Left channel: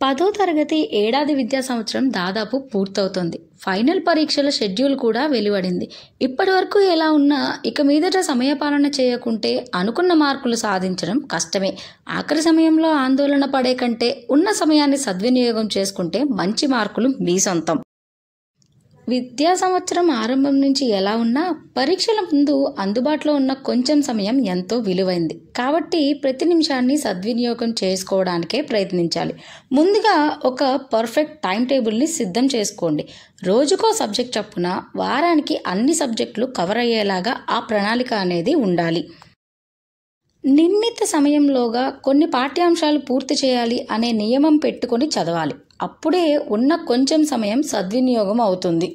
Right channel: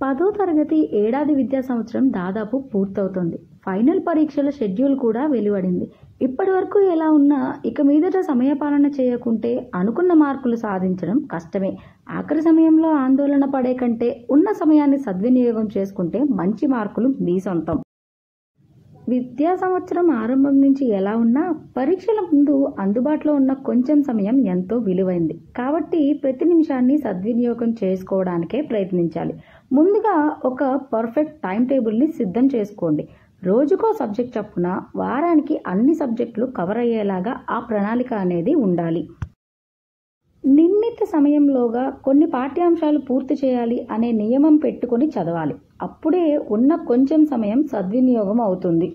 10వ తరగతి ఏడాది విద్యా సంవత్సరం దాదాపు పూర్తవుతోంది. ఫైనల్ పరీక్షల షెడ్యూల్ కూడా వెలువడింది. ఇప్పటివరకు ఎలా ఉన్నా ఇక మీదట సమయపాలన చేయకుంటే అనుకున్న మార్కులు సాధించడం కష్టమే. ఆఖరి సమయంలో ఆందోళన పడే కంటే ఉన్న సమయాన్ని సద్వినియోగం చేసుకుంటే మంచి మార్కులు మీ సొంతం. విద్యా సంవత్సరం ఆరంభం నుంచి ఎలా ఉన్నా పరీక్షల ముందు అందుబాటులో ఉన్న కొంచెం సమయం ఎంతో విలువైంది. కాబట్టి ప్రతి నిమిషాన్ని సద్వినియోగం చేసుకోవడానికే ప్రయత్నించాలి. ముందుగా ఒక పర్ఫెక్ట్ టైం టేబుల్ని సిద్ధం చేసుకోండి. రోజుకో సబ్జెక్ట్ చొప్పున వారానికి అన్ని సబ్జెక్టులు కవర్ అయ్యేలాగా ఆ ప్రణాళిక అనేది ఉండాలి. నిర్ణీత సమయంలోగా కొన్ని పాఠ్యాంశాలు పూర్తి చేయాలి అనే నియమం పెట్టుకొని చదవాలి. అప్పుడే ఉన్న కొంచెం సమయం సద్వినియోగం అవుతుంది.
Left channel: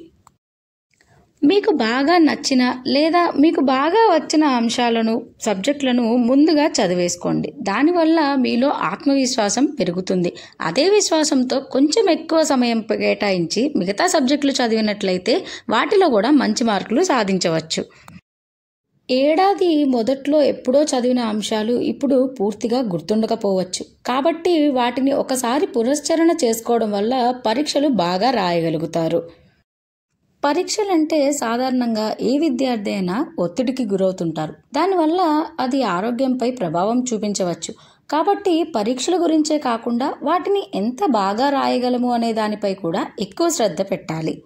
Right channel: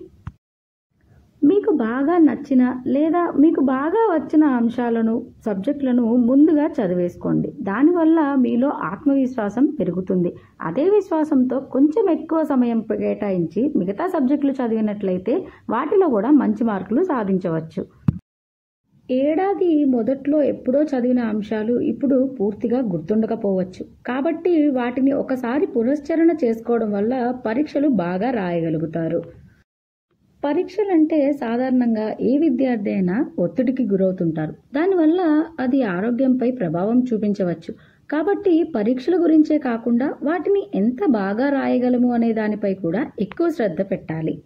మీకు బాగా నచ్చిన లేదా మీకు బాగా వచ్చిన అంశాలను సబ్జెక్టులను ముందుగా చదివేసుకోండి. దానివల్ల మీలో ఆత్మవిశ్వాసం పెరుగుతుంది. అదే విశ్వాసంతో కొంచెం ఎక్కువ సమయం కేటాయించి మిగతా సబ్జెక్టులు చదివినట్లయితే వాటిలో కూడా మంచి మార్కులు సాధించవచ్చు. ఏడాది మొదట్లో ఎప్పుడో చదివిన అంశాలు ఇప్పుడు పూర్తిగా గుర్తుండకపోవచ్చు. కాబట్టి వాటిని ఒకసారి పునశ్చరణ చేసుకోవడం వల్ల పరీక్షలు బాగా రాయగలుగుతారు. పరీక్షలంటే సాధారణంగా ఏ విద్యార్థి అయినా ఒత్తిడికి గురవుతుంటారు. దానివల్ల అది ఆరోగ్యంపై ప్రభావం చూపించవచ్చు. కాబట్టి పరీక్షల గురించే కాకుండా వాటిని ఎంత బాగా రాయగలము అనే దానిపై కూడా ఎక్కువ శ్రద్ధ పెట్టాలి.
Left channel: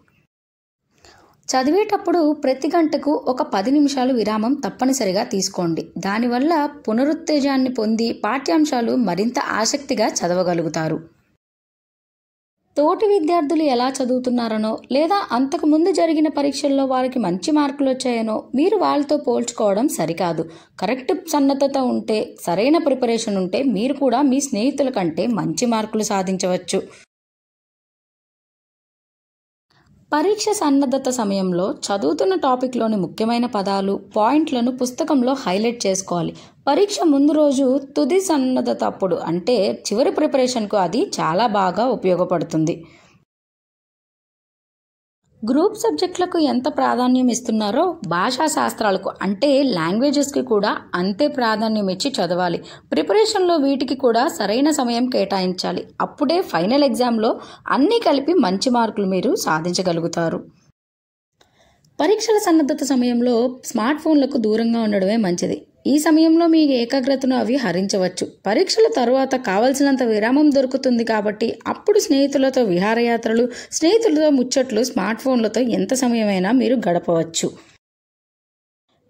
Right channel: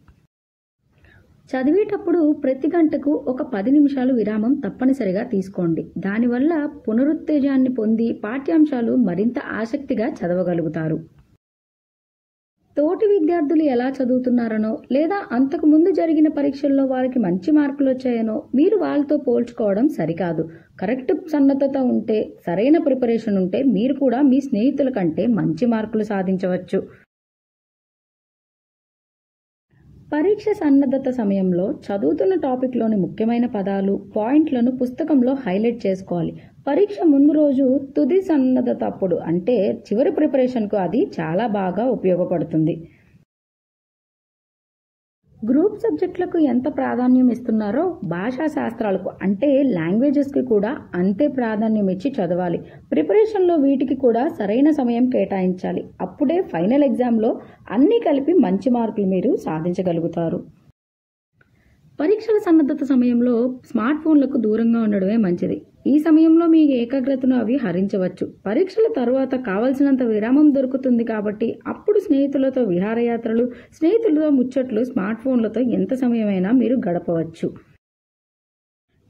చదివేటప్పుడు ప్రతి గంటకు ఒక 10 నిమిషాలు విరామం తప్పనిసరిగా తీసుకోండి. దానివల్ల పునరుత్తేజాన్ని పొంది పాఠ్యాంశాలు మరింత ఆసక్తిగా చదవగలుగుతారు. తోటి విద్యార్థులు ఎలా చదువుతున్నారనో లేదా అంతకు ముందు జరిగిన పరీక్షల్లో వారికి మంచి మార్కులు వచ్చాయనో మీరు వాళ్ళతో పోల్చుకోవడం సరికాదు. కరెక్ట్ సన్నద్ధత ఉంటే, సరైన ప్రిపరేషన్ ఉంటే మీరు కూడా మీ స్నేహితుల కంటే మంచి మార్కులు సాధించవచ్చు. పరీక్ష సన్నద్ధత సమయంలో చదువుతున్న టాపిక్లోని ముఖ్యమైన పదాలు, పాయింట్లను పుస్తకంలో హైలైట్ చేసుకోవాలి. పరీక్ష ముందు రోజు తుది సన్నద్ధత అప్పుడు అంటే చివరి ప్రిపరేషన్కు అది చాలా బాగా ఉపయోగపడుతుంది. గ్రూప్ సబ్జెక్టులకు ఎంత ప్రాధాన్యం ఇస్తున్నారో భాషా శాస్త్రాలకు అంటే లాంగ్వేజెస్కి కూడా అంతే ప్రాధాన్యం ఇచ్చి చదవాలి. ప్రిపరేషన్లో వీటికి కూడా సరైన సమయం కేటాయించాలి. అప్పుడే ఫైనల్ ఎగ్జామ్లో అన్నీ కలిపి మంచి మార్కులు మీరు సాధించగలుగుతారు. పరీక్షల సన్నద్ధత సమయంలో స్మార్ట్ ఫోన్లకు దూరంగా ఉండడమే మంచిది. ఈ సమయంలో మీ ఏకాగ్రతను అవి హరించవచ్చు. పరీక్షల తరువాత కావలసినంత విరామం దొరుకుతుంది కాబట్టి అప్పుడు స్నేహితులతో విహారయాత్రలు, స్నేహితులతో ముచ్చట్లు, స్మార్ట్ ఫోన్లతో ఎంత సమయమైనా మీరు గడపవచ్చు.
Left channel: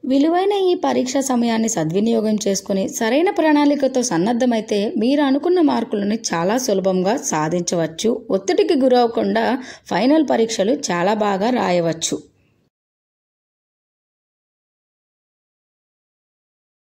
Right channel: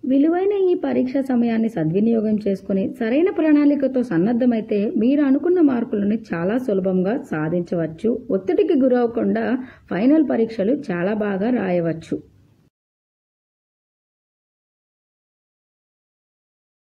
విలువైన ఈ పరీక్ష సమయాన్ని సద్వినియోగం చేసుకుని సరైన ప్రణాళికతో సన్నద్ధమైతే మీరు అనుకున్న మార్కులను చాలా సులభంగా సాధించవచ్చు. ఒత్తిడికి గురవకుండా ఫైనల్ పరీక్షలు చాలా బాగా రాయవచ్చు.